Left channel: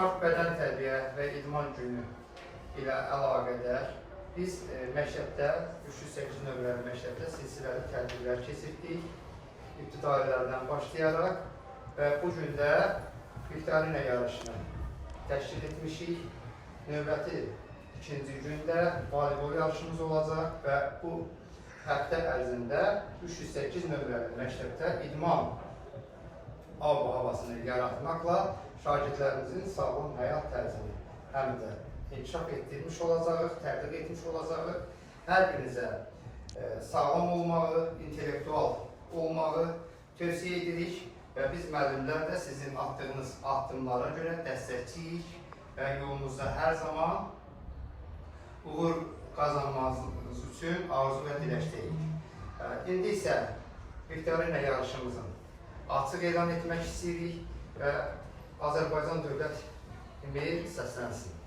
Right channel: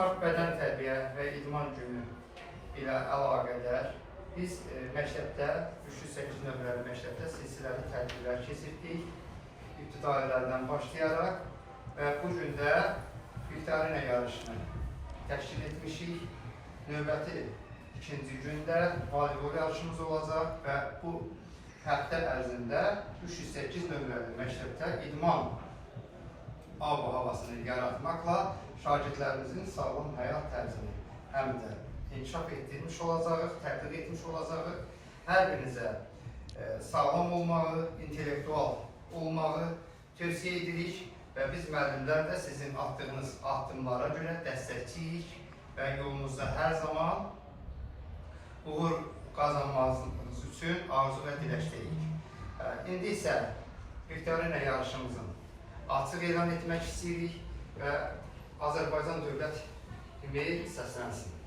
mart bədən tərbiyə və idman günü ilə əlaqədar biz məktəbdə 308 nömrəli məktəbdə silsiləli tədbirlər keçirdik. İbtidailərdən başlayaraq və bu gün də viktorina yarışını təşkil etmişik. Növbəti ikinci gündə voleybol yarışımız olacaq və bu həftə ərzində 308 nömrəli məktəbdə idman havasını yaratmaqla şagirdlərimizin sağlam həyat tərzini həm də inkişaf etdirmiş olacağıq, təbliğ etmiş olacağıq. Hər birinizə sağlam olmağı, intellektual olmağı tövsiyə edirik və biz müəllimlər də sizin attığınız addımlara görə dəstəkçiyik və yolunuzda hər zaman uğur qazanmanız üçün arzu və diləkdəyik. İndi isə viktorina yarışımızın açıq elan etmək istəyirik və Azərbaycan Dövlət himni səslənsin.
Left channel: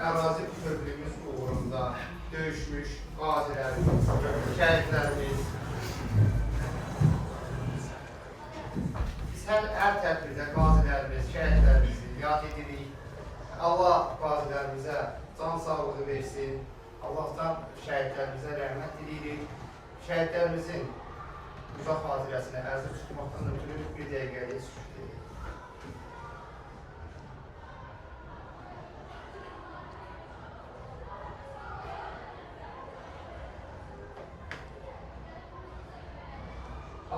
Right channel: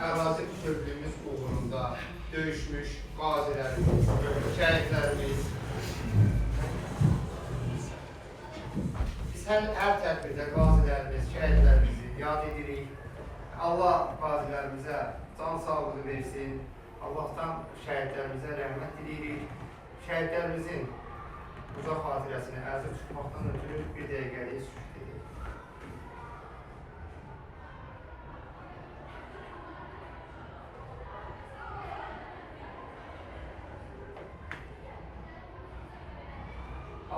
Ərazi bütövlüyümüz uğrunda döyüşmüş qazilərimiz, şəhidlərimiz. Biz hər tədbirdə qazilərimiz, şəhidlərimizi yad edirik. Allah qazilərimizə can sağlığı versin. Allah'tan şəhidlərimizə rəhmət diləyirik. Şəhidlərimizin uzaq xatirəsini ərzə tutmaqdan ötürü bir dəqiqəliyə sükut edirik.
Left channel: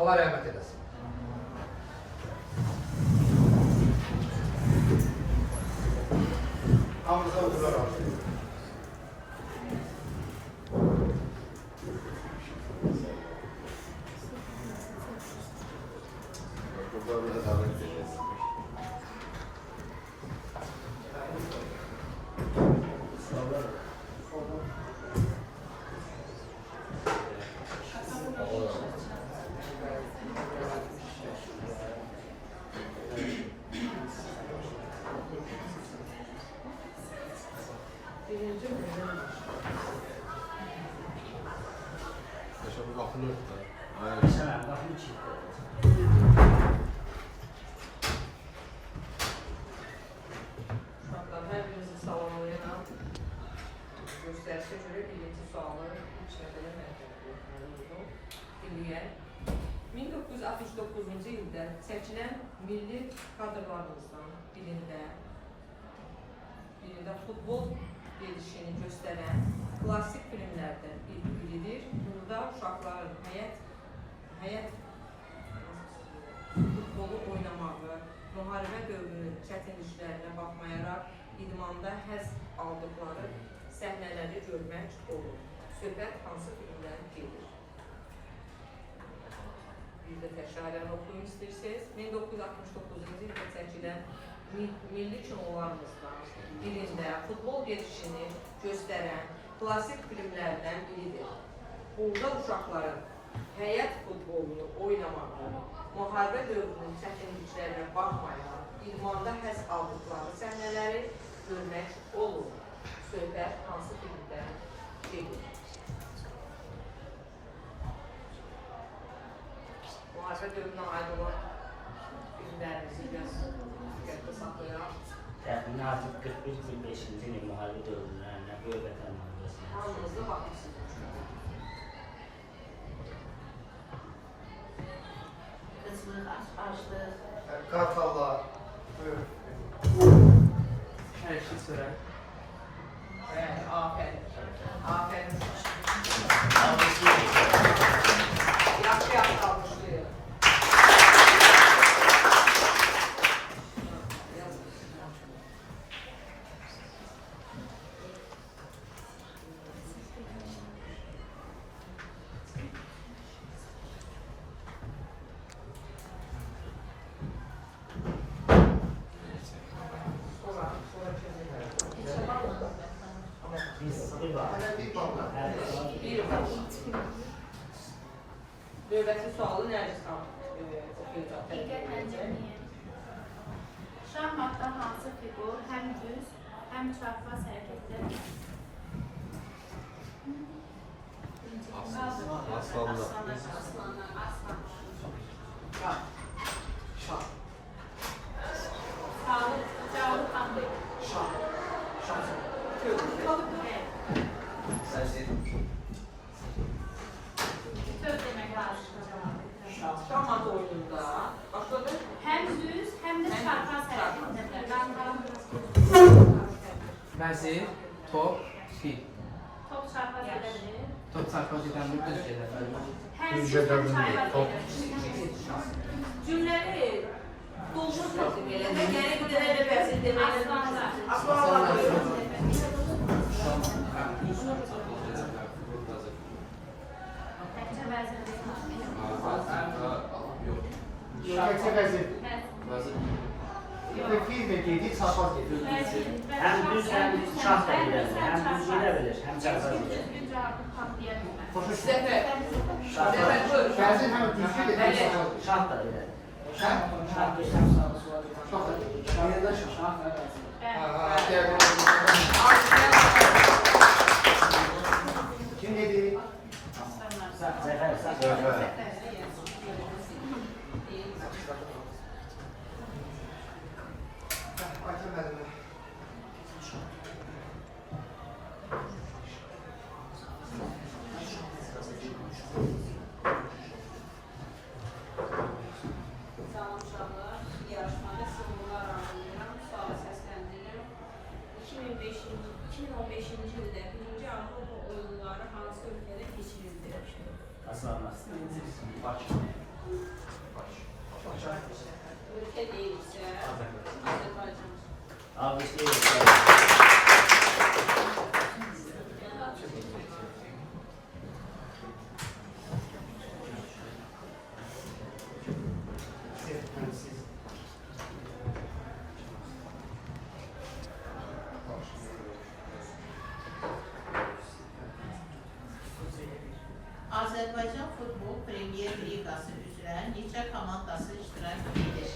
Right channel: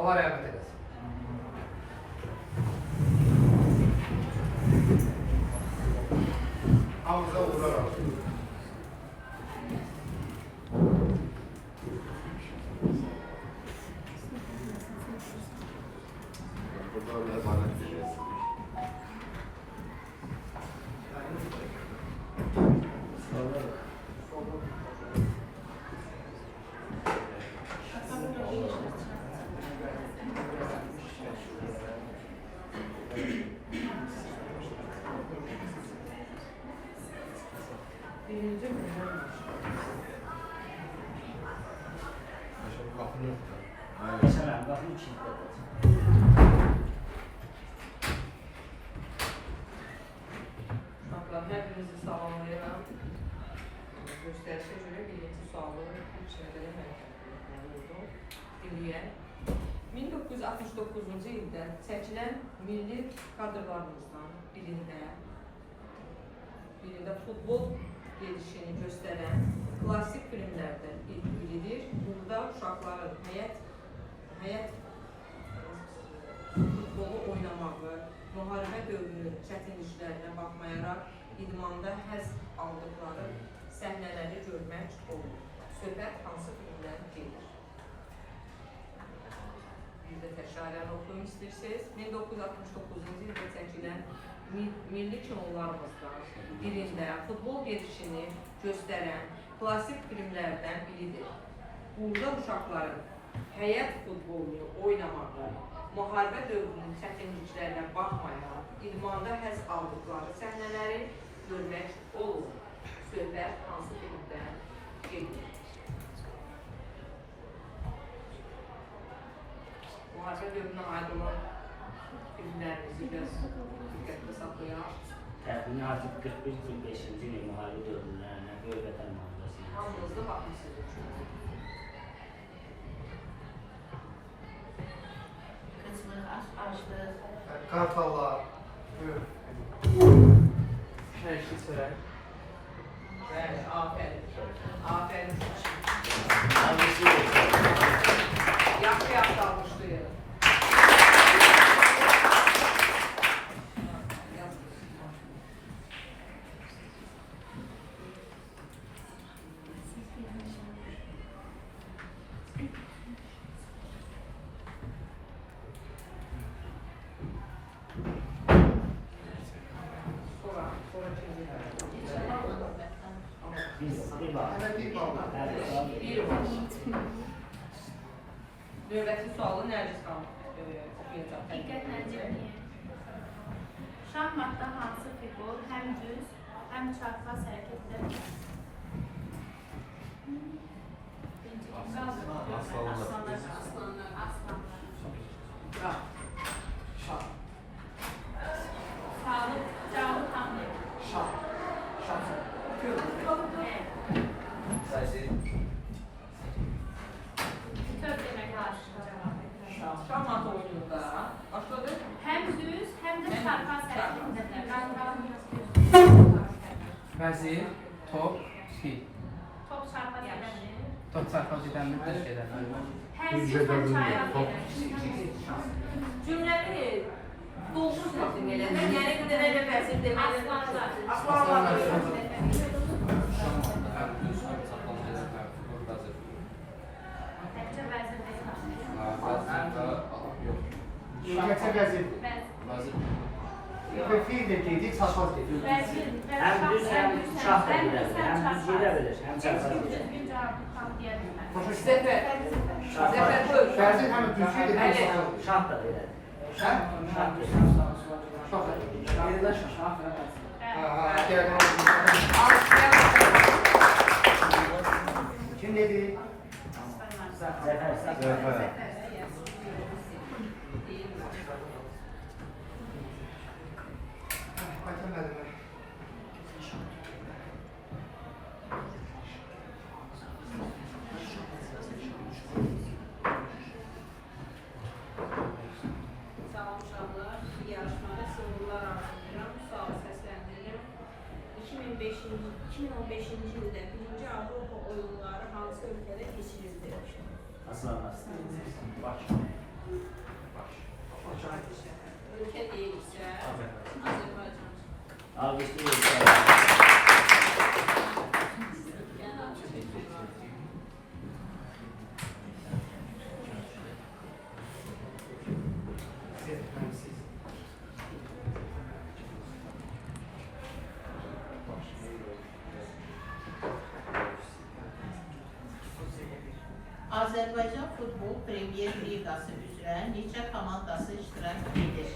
Allah rəhmət edəsin. Hamıza uğurlar olsun. Birinci mi? Kapını Sen kapını çift. Hepinizi sağlamayı çəkilən milli kadrlarımızdan birində futbol gedişini göstərən klassik filmlərdən biridir. Burada uşaqların həyat futbolu oynamağı, müharibə dövrünün çətinliklərinə baxmayaraq idmanda həzz aldıqları səhnələri görmək olur. Söhbət hansı filmdən gedir? Bir də təkrarən oxuyum istəyirsiniz. 1969-cu ildə çəkilən milli kinolarımızdan birində futbol gedişini göstərən klassik filmlərdən biridir. Burada uşaqların həyat futbolunu oynamağı, müharibə dövrünün çətinliklərinə baxmayaraq idmanda həzz aldıqları səhnələri görmək olur. Söhbət hansı filmdən gedir? Müharibə dövrünə aid olan filmlərimizi biraz diqqətdə saxlayaq. Təxminən artıq 41-45-ci ilin müharibə dövrlərində böyük vətən müharibəsi. Hamınızda haqlısınız. Kartallar, buyur. Şərki sürək. Bəli, afərin. Afərin. Yaxşı almışlıyıq. Bir var. Bir bağlı. Bir var. Dövlətin sualı Nərgiz oxuyacaq. Diqqətlə dinləyin. Şahmatda hansı fiqur həm düz, həm çarpaz hərəkət edə bilər? Aslanlar. Şah. Şah. Cavabı tanıyın. Şah. Şah. Söz demək lazım. Şahmat oyununda başladı. Həm düz, həm də çarpaz hərəkət edə bilər. Vəzir, top, fil. Top çarpaz edədir. Top çarpaz edəndə düz gedə bilər. Həm düz, həm çarpaz edə. Cümləni dolmuş təqdim elədi. Yəni bir dənə elə vəzir deməli. Aslanlar. Aslanlar. Təkcə vəzir deyil. Şirkətə vəzir. Vəzir. Və fil də dedik, çarpaz dedik. Həm düz, həm şah da gedə bilər. Həm düz gedə bilir, həm çarpaz gedə bilir. Düzgün cavabı tanıya bilmər. Zəfər. Zəfər buyur. Vəzir həm düzgün dedik, Bəli. çarpaz dedik. Şah da gedə bilir. Şah? Şah düz. Şah da dedik. Kim dedi? Zəfər, Zəfər. Ayten müəllimə. Sağoluşlar, yarışmada sınırlar arzulayıram, suala səsləndirirəm. 2015-ci ildə birinci Avropa oyunları hansı ölkədə keçirildi? Aslanlar. Ölkə deyilsə, Azərbaycan. Abisi Azərbaycan Futbol Premyer Liqası üzrə neçə komandası iştirak edir?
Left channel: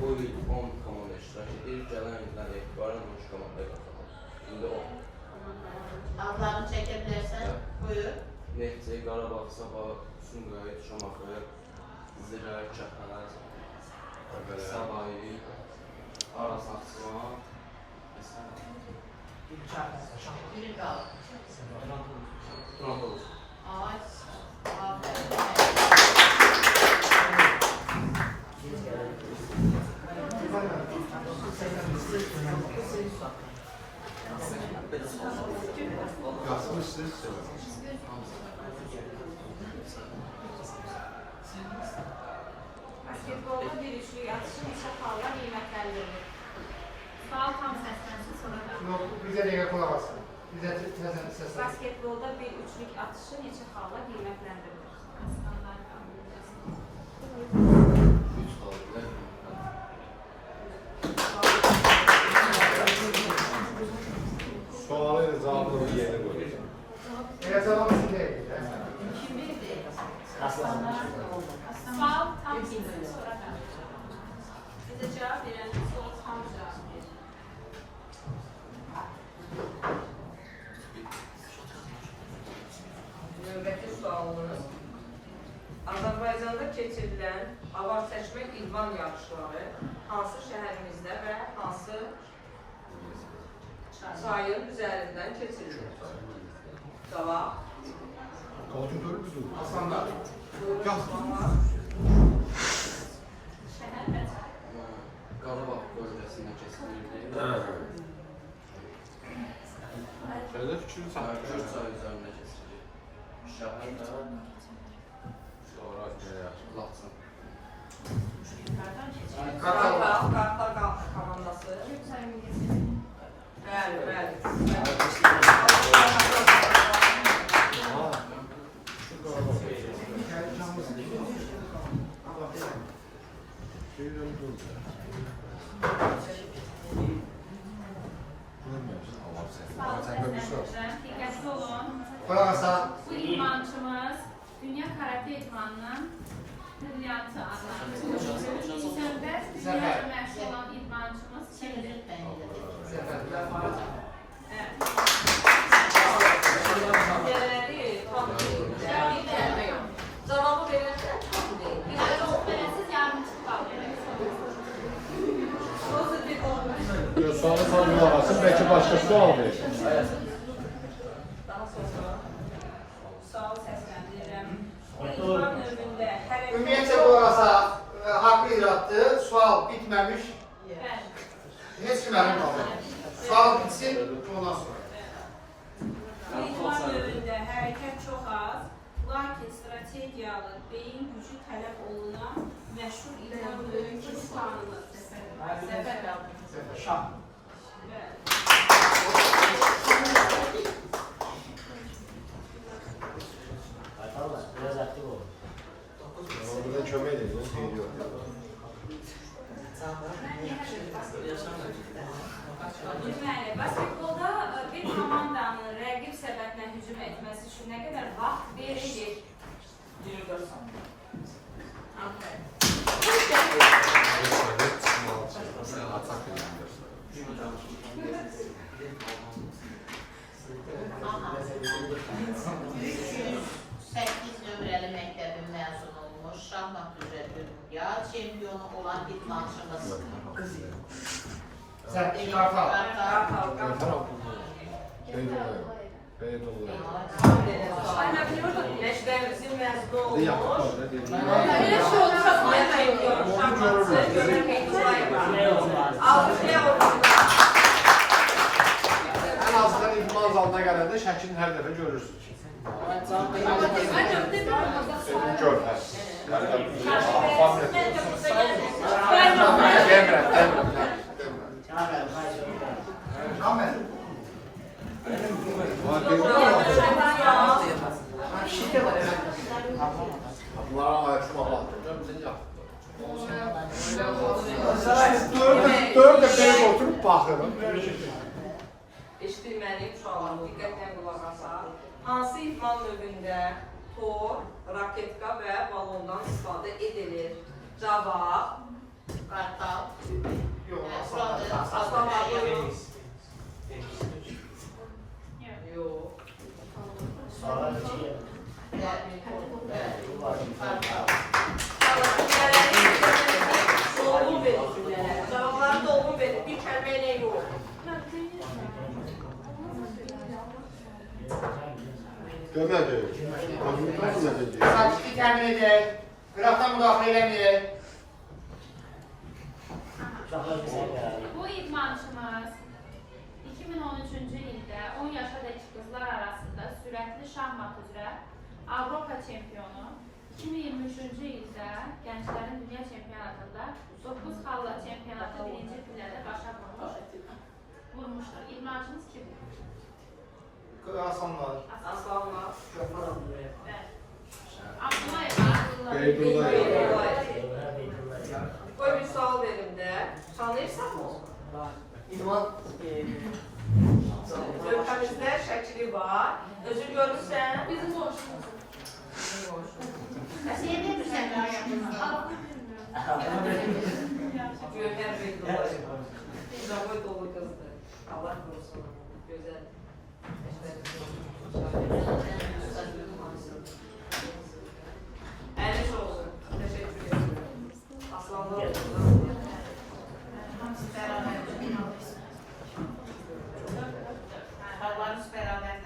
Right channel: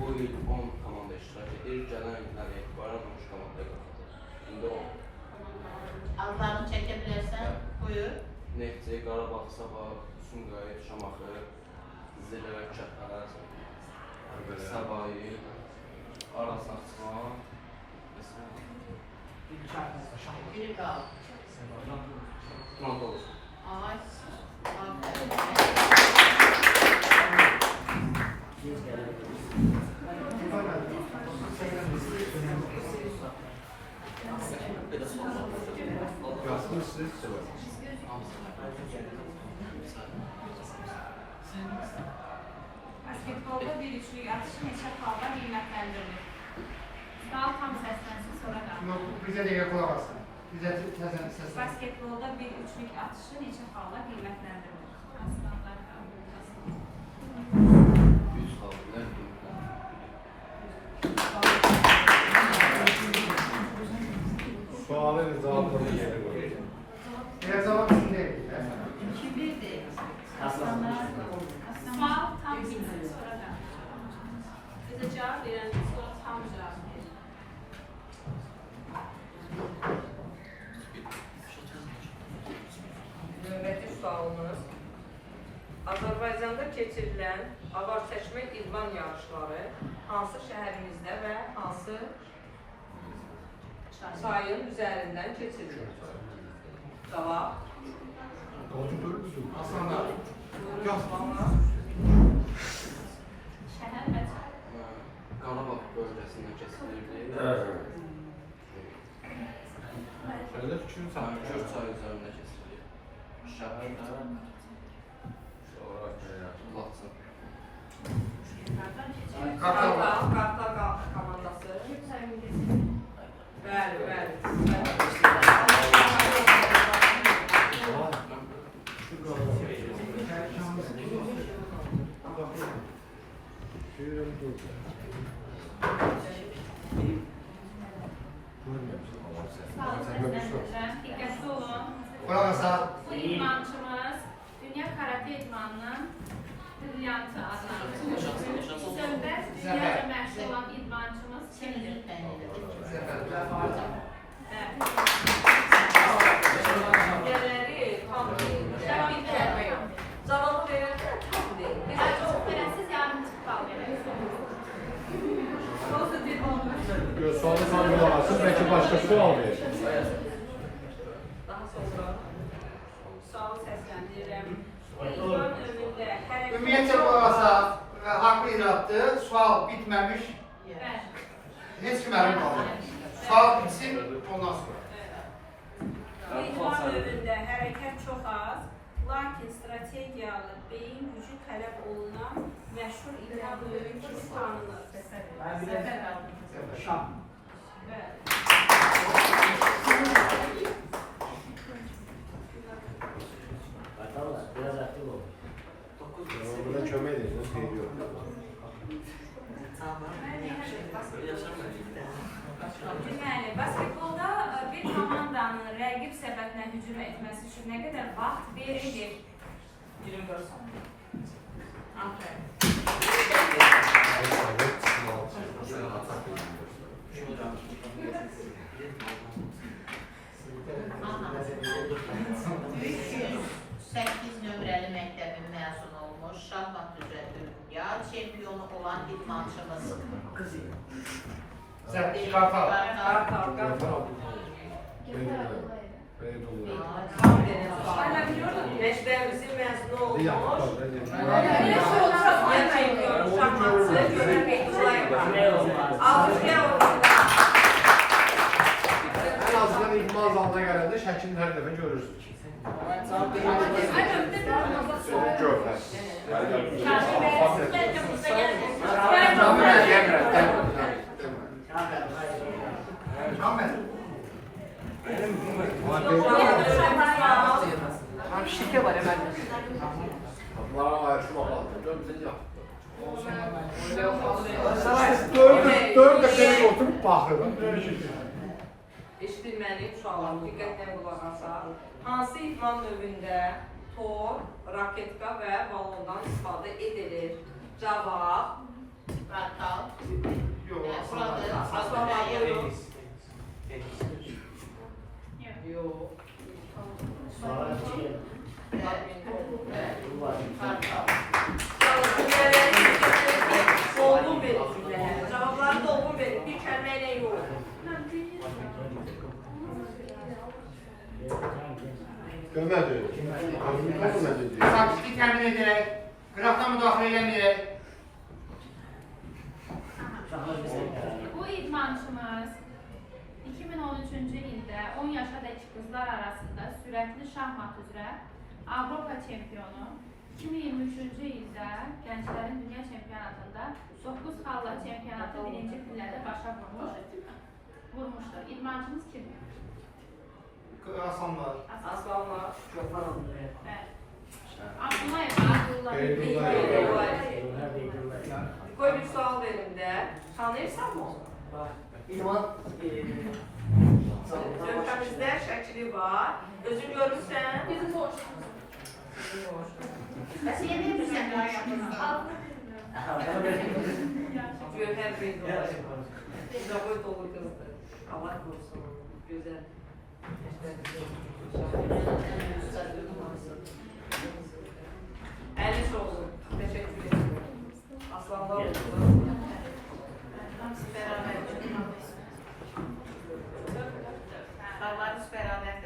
Bu il 10 komanda iştirak edir. Gələn illər etibarən 13 komanda qazanır. İndi 10. Adlarını çəkə bilərsən? Buyur. Neftçi, Qarabağ, Sabah, Sumqayıt, Şamaxı, Zirə, Kəpər, Səbayi, Aras Aslan, Bir qalıb. Tunadolu. Ağaç. Basketbolda bir üçlük atışı neçə xalla qiymətləndirilir? Sual tam səslənsin, sonra da. Yok, bize de kulak alsın. Bize neden ses ver. Basketbolda bir üçlük atışı neçə xalla qiymətləndirilir? Aslanlar qaldı. Üç kaldılar. Sualı cevabını yerine koyuyor. Biraz alalım değil. Sual tam bilsin, sonra da. Bize cevap veren soru tam cevap verir. Növbəti sualımız Azərbaycanda keçirilən avar çəkmə idman yarışları hansı şəhərimizdə və hansı çayın üzərindən keçirilir? Cavab. Aslanlar. Şəhər və çay. Qarabağ bölgəsində kesilirdi. Şöyle fikrini sana Gür çay üzərində kesilir. Şəhərdə Laçın. Qartal komandası. Çayın geçelim. Bəli, bəli. Sual səsləndirəcəm. Diqqətli olun. Kulak asa. Bu idmançımız dünya karate idmanının brilyantı adlandırılır. Sönbəz dünyaca məşhur olan idmançımız kimdir? Cavabı verirsə, tam deyil. Eğer çok verəsiz yardım çıxıb al Sualı sana kulak belki başka sual verir. Daha sonra Sual səsləndirirəm. Bu idman növündə Ümumiyyətcə kulak asa. Haqlı irattı. Sual bitmemiş. Hiç kim emin kalmadı. Sual bitsin ondan sonra. Bu idman növündə hərəkət çox az, lakin strategiyalı, beyin gücü tələb olunan məşhur idman növü kimi tanınır. Kartallar, biraz aktif ol. Burada kömek ediyoruz, geliyor. Deməli, basketbolda bir komandanın rəqib səbətinə hücum etməsi üçün nə qədər vaxt verilir? 24 saniyə. Nömrəli məktəbin məzun olmuş, şahmat üzrə dünya çempionu olan idmançımız. Sen Kartal. Məktəbimizin məzunu olmuş. En azından idman zalına gelende şəklini her defa görürsün. Gör. Ahmet. Şike var hemen. Bunlara layık şu bakla. Dört dəfəyə oturup baxırım. Eşidilməliyim sualım, diqqətlə qulaq asaq. Hansı idman növündə tor, raketka və balondan istifadə edilir? Cavab. Kartal. Yok. Aslan buyurun. Yox. Sonra içi Kartal. Dolgun verir. Cavabları dolgun verir. Bir kəlmə ilə yox. Görmədi. Sakitlik təmin edək, qıraqdan müdaxilə eləməyək. Uşaqlar bizə qərar. Bu idmançımız 2013-cü ildə 10 yaşadakı qızlar arasında sürətli şahmat üzrə Avropa çempionu, 2023-cü ildə gənclərin dünya çempionatında 9 xalla çempionatı birinci pillədə başa vurmuşdur. İdmançımız kimdir? Aslanlar. Aslanlar. Abdullayev. Qoy bir sual verin də. Tanıyırsan mı onu? Lövhəmizdə şəkli var. Özü görürsən. Bizim borçlumuz. Siz bilirsən Gövhər Beydullayev. Uzaqlı dolu qızdır. Allah qorusun. Gözəl. Əliş olsun. Təşəkkür ederim. Aslanlar olsun. Hamısı bərabər. Allah'ınız bərabər.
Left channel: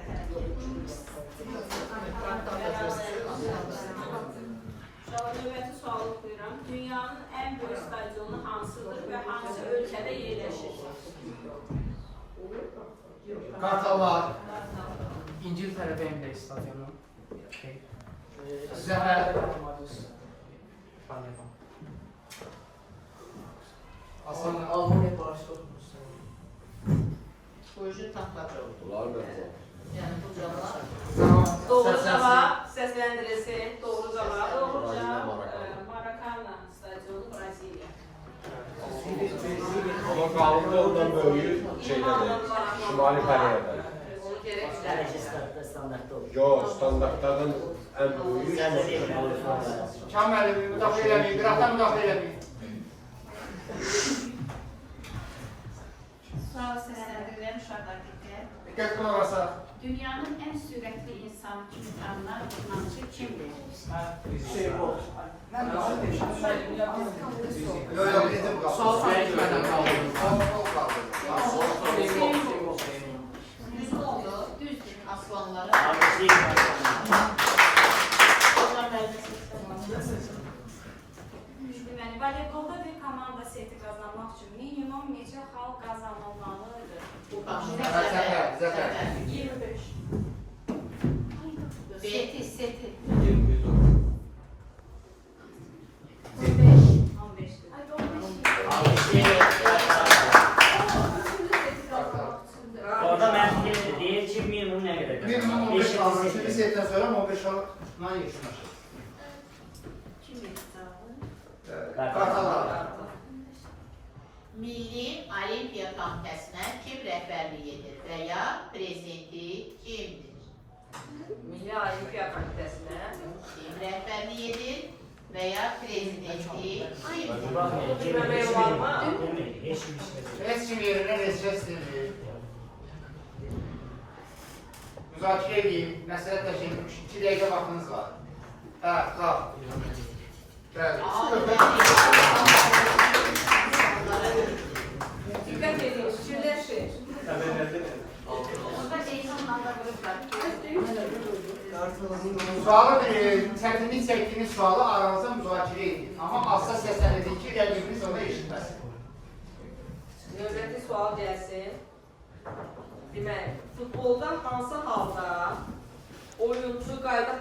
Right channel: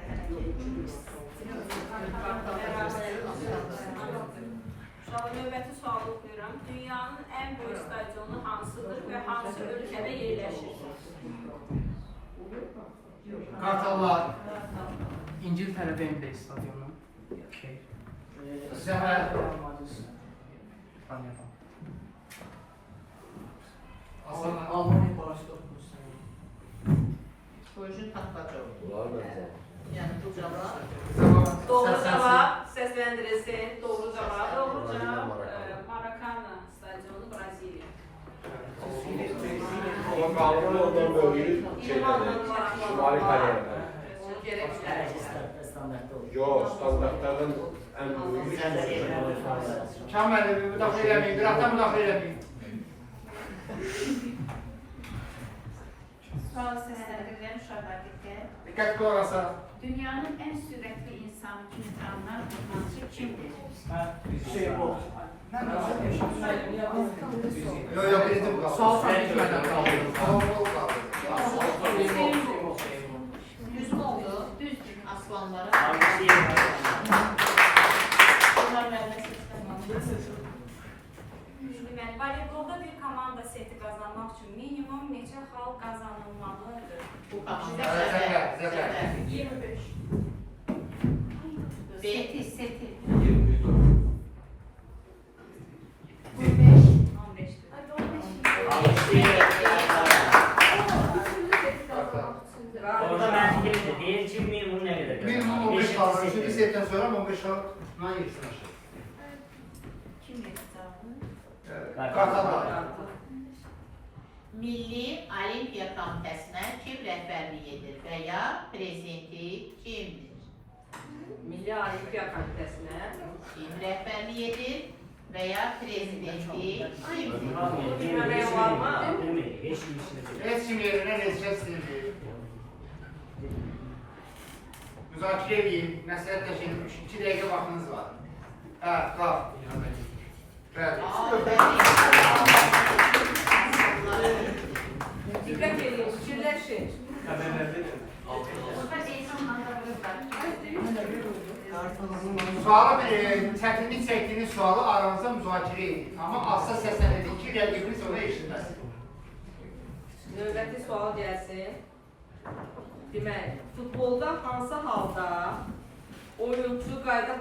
Uşaqlar, növbəti sualı oxuyuram. Dünyanın ən böyük stadionu hansıdır və hansı ölkədə yerləşir? Qartallar. İngiltere Wembley stadyumu. Zəhər. Aslanlar. Almanya Barcelona. Proje taxtaca oldu. Bunlar da Yəni bu cavab Doğru cavab səsləndirilsin. Doğru cavab. Doğru cavab Maracana stadionu Braziliya. Ama qaldı ondan böyük şeylərdən. Şimali Koreya'dan. Onu gerek Hələ ki, standartda olur. Yo, standartlardan ən böyük. Sən də qeyd edin. Kamil, müdaxilə eləməyin, qıraqdan müdaxilə eləməyin. Sual seslendiren uşaqlardakı. Diqqət qulaq asaq. Dünyanın en süratli insan insanlar idmançı kimdir? Sual çəkilmədən qaldı. düz mü oldu? Düzdür. Aslanlara. Allah vermesin. Yəni voleybolda bir komanda seti qazanmaq üçün minimum neçə xal qazanılmalıdır? Bu komanda. Zəhər, zəhər. 25. Seti, seti. 15. Orada mən deyir ki, minimum nə qədər? Minimum 15 qalır. Şimdi setdən sonra 15 qalır. Nə yesin aşağı? Kim verir cevabı? Qartallar. Milli Olimpiya Komitəsinə kim rəhbərlik edir və ya prezidenti kimdir? Milli Olimpiya Komitəsinə Kim rəhbərlik edir və ya prezidenti kimdir? görək olarmı? Demir, heç bir şey. Heç kim yerinə neçə istəyir. Müzakirə edeyim, məsləhətləşin. 2 dəqiqə vaxtınız var. Hə, qalx. Bəli. Diqqət edin, fikirləşin. Burada eğitimlerde Sualı çətinlik çəkdiyiniz sualı aranızda müzakirə edin. Amma asla səsləndirin ki, rəqibini sonra eşitməsin. Növbəti sual gəlsin. Demək, futbolda hansı halda oyuncu qayda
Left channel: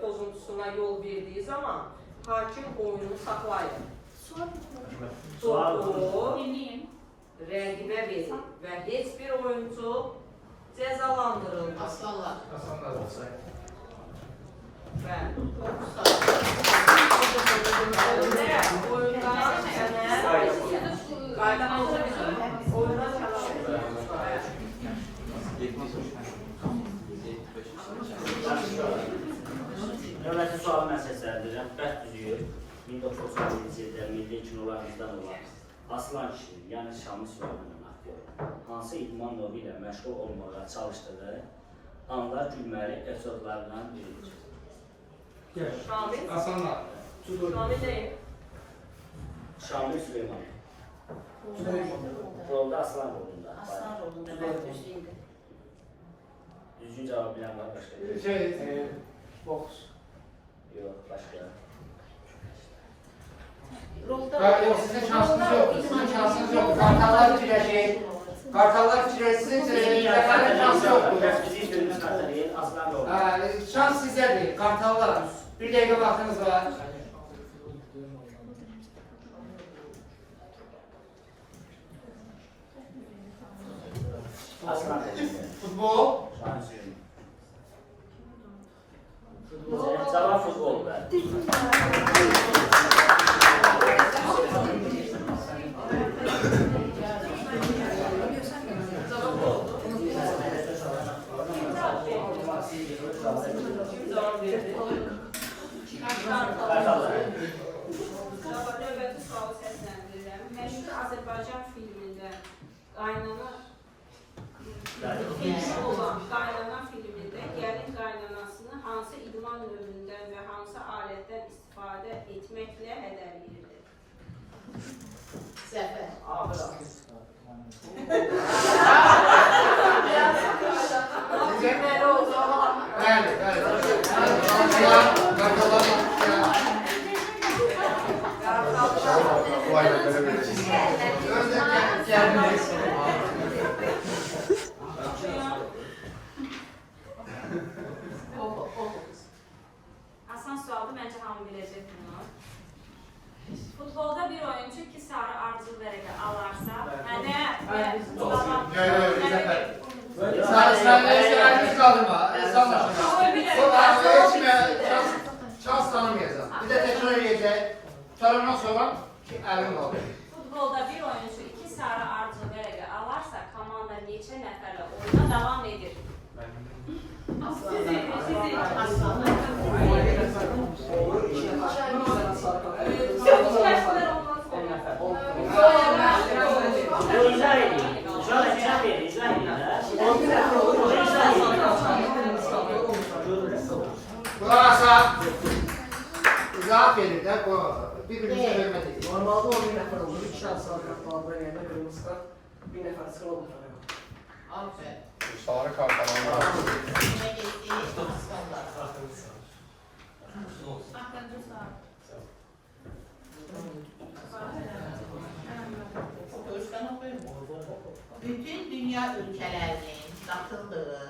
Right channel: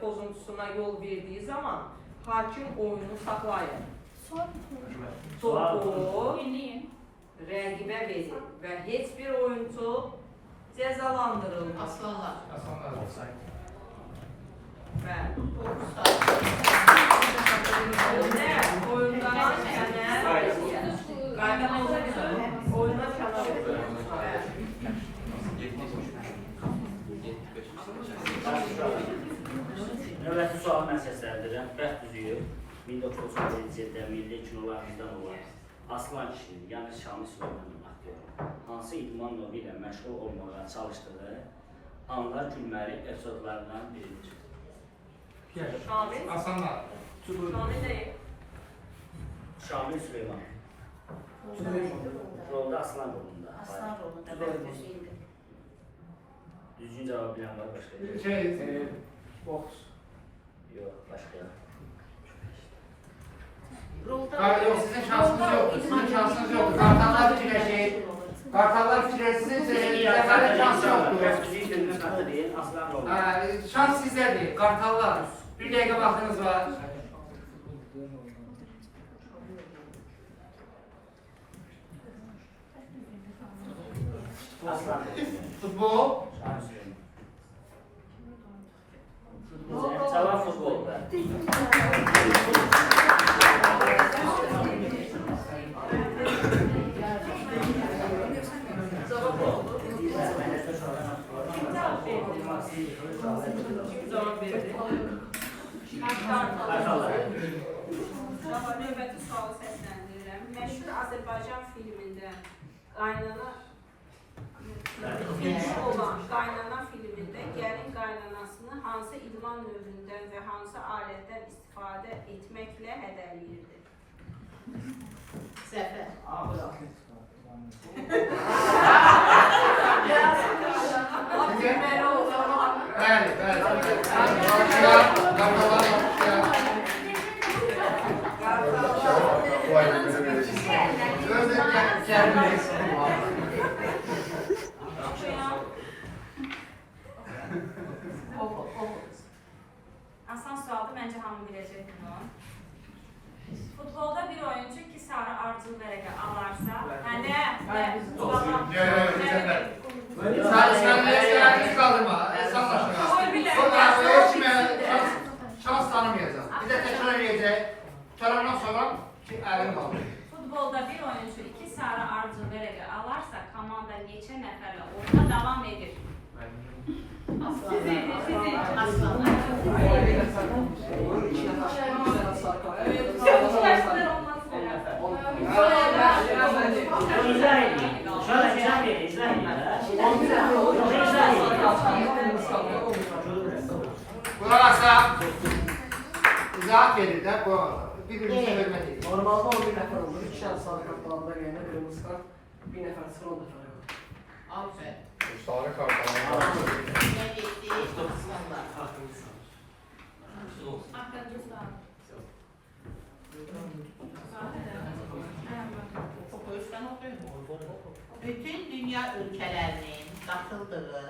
pozuntusuna yol verdiyi zaman hakim oyunu saxlayır? Topu Dinleyin. rəqibə verir və heç bir oyuncu cəzalandırılmaz. Aslanlar. Aslanlar olsaydı. Bəli. Oyunda qayda Oyuna kənar edilir. Növbəti sualı mən səsləndirirəm. Bəxt Üzüyü 1931-ci ildə milli kinolarımızdan olan Aslan kişinin, yəni Şamil Süleymanın aktyoru, hansı idman növü ilə məşğul olmağa çalışdığı anlar gülməli epizodlarından biridir. Şamil. Aslanlar. Şamil nə? Şamil Süleyman. Rolda Aslan rolunda. Aslan rolunda mən gözləyirdim. Düzgün cavab bilen var başqa? Boks. Yox, başqa. Yok, sizin şansınız yok. Sizin şansınız yok. Kartallar fikirleşir. Kartallar fikirleşsin. Zəfərin şansı yoktur. Bizim sözümüz xəta deyil, aslan da olur. Şans sizdədir. Kartallar. Bir dəqiqə vaxtınız var. Aslan deyil. Futbol. Cavab futbolda. Növbəti sualı səsləndirirəm. Məşhur Azərbaycan filmində qaynana olan qaynana filmində gəlin qaynanasını hansı idman növündən və hansı alətdən istifadə etməklə hədələyirdi? Zəfər. Bəli, Asan sualdır, məncə hamı biləcək bunu. Futbolda bir oyuncu 2 sarı ardıcıl vərəqə alarsa, şans tanımayacaq. Bir də təkrar edəcək. Təkrardan sonra əlim qalır. Futbolda bir oyuncu 2 sarı ardıcıl vərəqə alarsa, komanda neçə nəfərlə oyuna davam edir? Qulaq asaq. Cavab verir də bu. Bir-birimizə hörmət edir. Normalde 11 nəfər olur. 2 şans sarı kartlardan gəlmə, qırmızı kart. Bir nəfər sıxır, o da fərq var. Aferin. Sarı kartlar. Ne geçti? Aslanlar. Axırıncı sual. Bütün dünya ülkelerinin katıldığı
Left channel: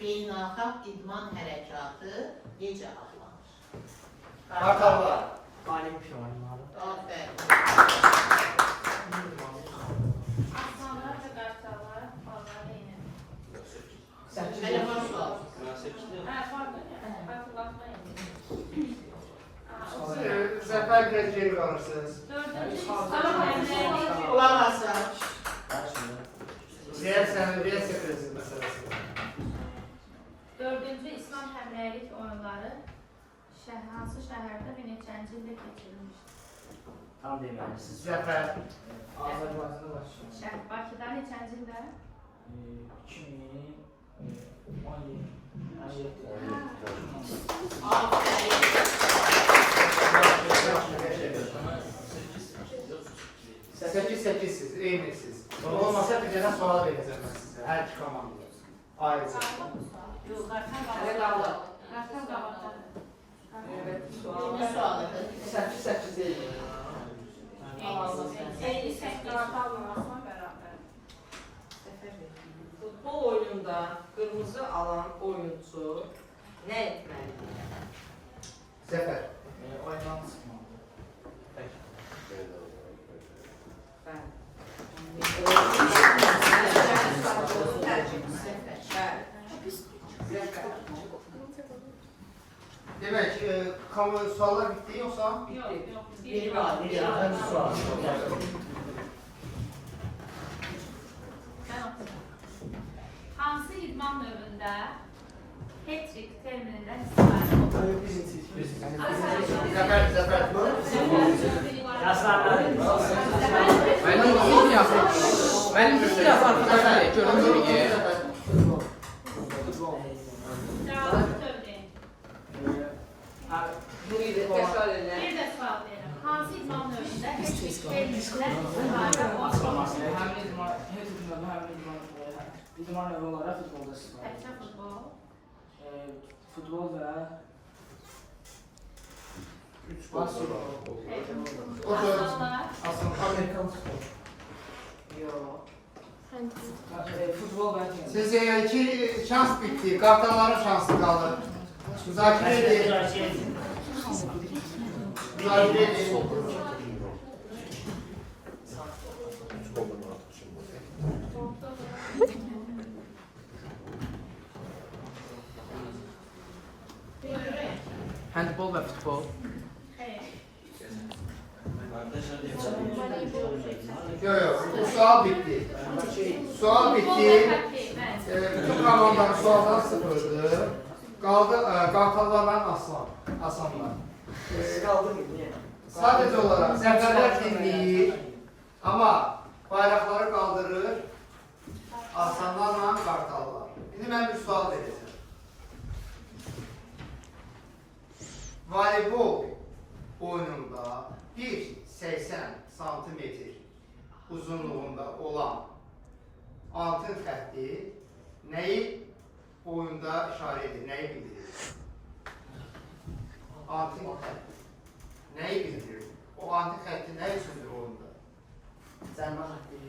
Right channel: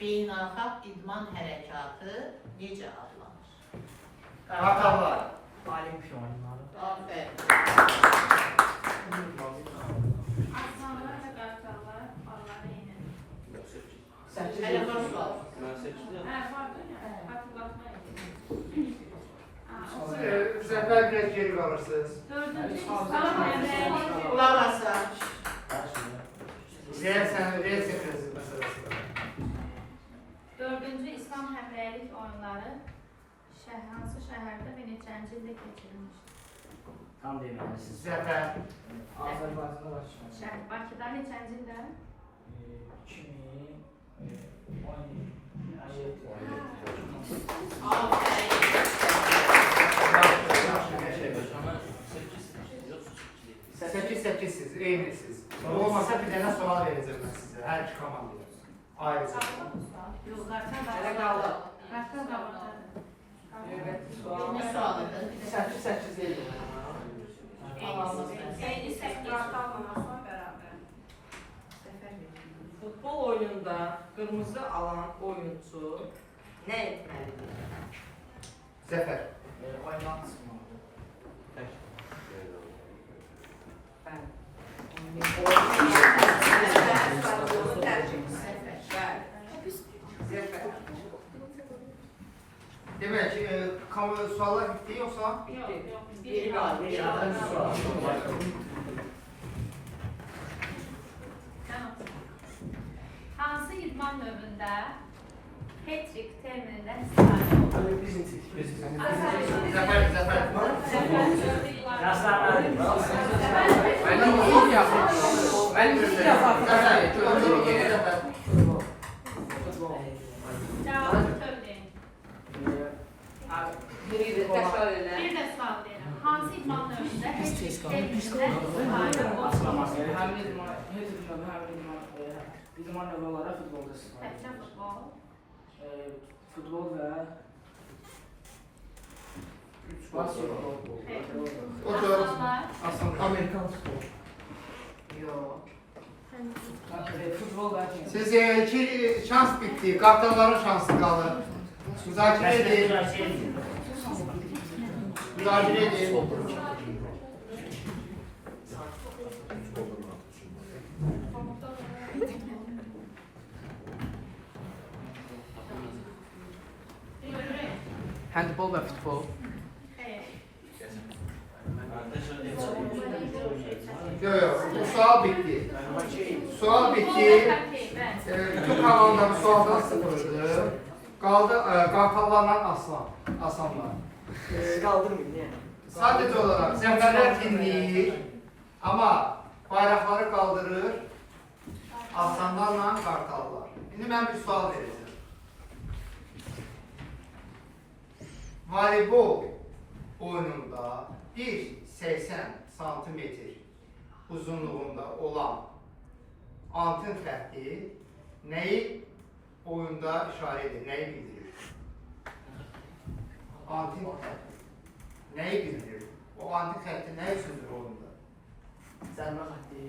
beynəlxalq idman hərəkatı necə adlanır? Kartallar. Olimpiya oyunları. Aferin. Aslanlar və qartallar balları eyni. Telefon sual. Mən 8-də Pardon, xatırlatmayın. Zəfər biraz geri qalırsınız. Dördüncü İslam alimləri Qulaq asaq. Reaksiya məsələsi. Dördüncü İslam həmrəylik oyunları hansı şəhərdə və neçənci ildə keçirilmişdir? Tam deməlisiniz. Zəfər. Azərbaycanda başlayalım. Şəhər Bakıda neçənci ildə? 8-8-siz, eynisiz. Olmasa bir dənə sual verəcəm mən sizə, hər iki komandaya. Ayrıca. Yox, qartal Hələ qaldı. Qartal qaldı. Növbəti sual. Ne sualıdır? 8-8 deyil. Eyni səs qartalmamasına bərabər. Futbol oyununda qırmızı alan oyuncu nə etməlidir? Zəfər. Oyundan çıxmalı. Demək, suallar bitdi yoxsa? Biri var. Hansı idman növündə hat-trick terminindən istifadə olunur? Zəfər. Yaşlandı. Mənim uzun yazım. Mənim uzun yazım. Görüm bir Cavabı söyləyin. Bir də təkrar elə. Bir də sual verin. Hansı idman növündə hat-trick terminindən istifadə olunur? Həm idman, hər idman, İdman növü olaraq futbolda istifadə Təkcə edilir. futbol. Futbol və basketbol. O da Aslında aslında Amerikan spor. Yok. Futbol və tenis. siz iki şans bitti. Kartalların şansı kaldı. Müzakere edin. Müzakere edin. Handbol və futbol. Yok yok. Bu sual bitti. Sual Futbol bitti. və hokkey, bəli. Bütün komandalar sualdan sıfırdı. Kaldı kartallarla aslanlar. Siz kaldırmayın niye? Sadece olarak seferler dinleyir ama bayrakları kaldırır aslanlarla kartallar. Şimdi ben bir sual vereceğim. Voleybol oyununda 1.80 santimetr uzunluğunda olan altın xətti neyi oyunda işaret edir, neyi bildirir? Altın xətti neyi bildirir? O altın xətti ne üçündür oyunda? Zərmə xətti.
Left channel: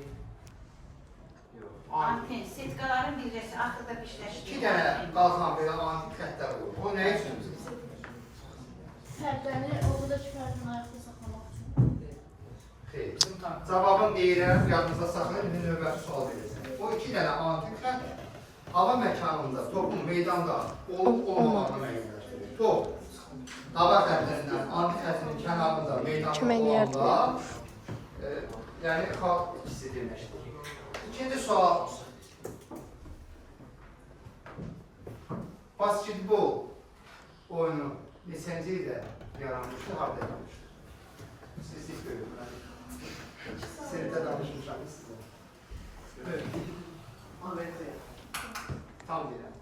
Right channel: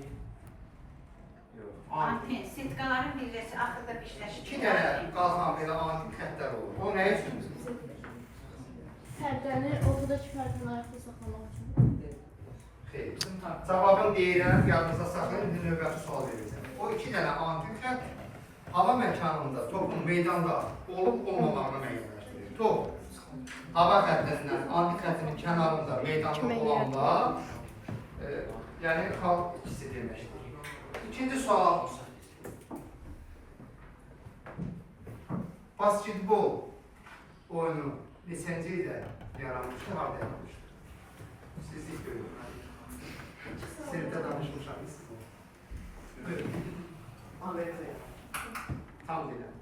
Antin, sitkaların birləşi axırda birləşir. İki dənə qalxan belə altın xəttlər olur. O ne üçündür? Pərdəni ortadakı pərdəni ayaqda saxlamaq üçün. Xeyr. Cavabın deyirəm, yadınıza saxlayın, bir növbəti sual verəcəm. O iki dənə antin xətt hava məkanında, topun meydanda olub olmamağını müəyyənləşdirir. Top hava xəttlərindən antin xəttinin kənarında meydanda olanda yəni xalq ikisi deməkdir. İkinci sual. Basketbol oyunu neçənci ildə yaranmışdır, harada yaranmışdır? Siz ilk bölüm. Sinirdə danışmışam sizə. Buyurun. Amerika'ya. Tam bilən.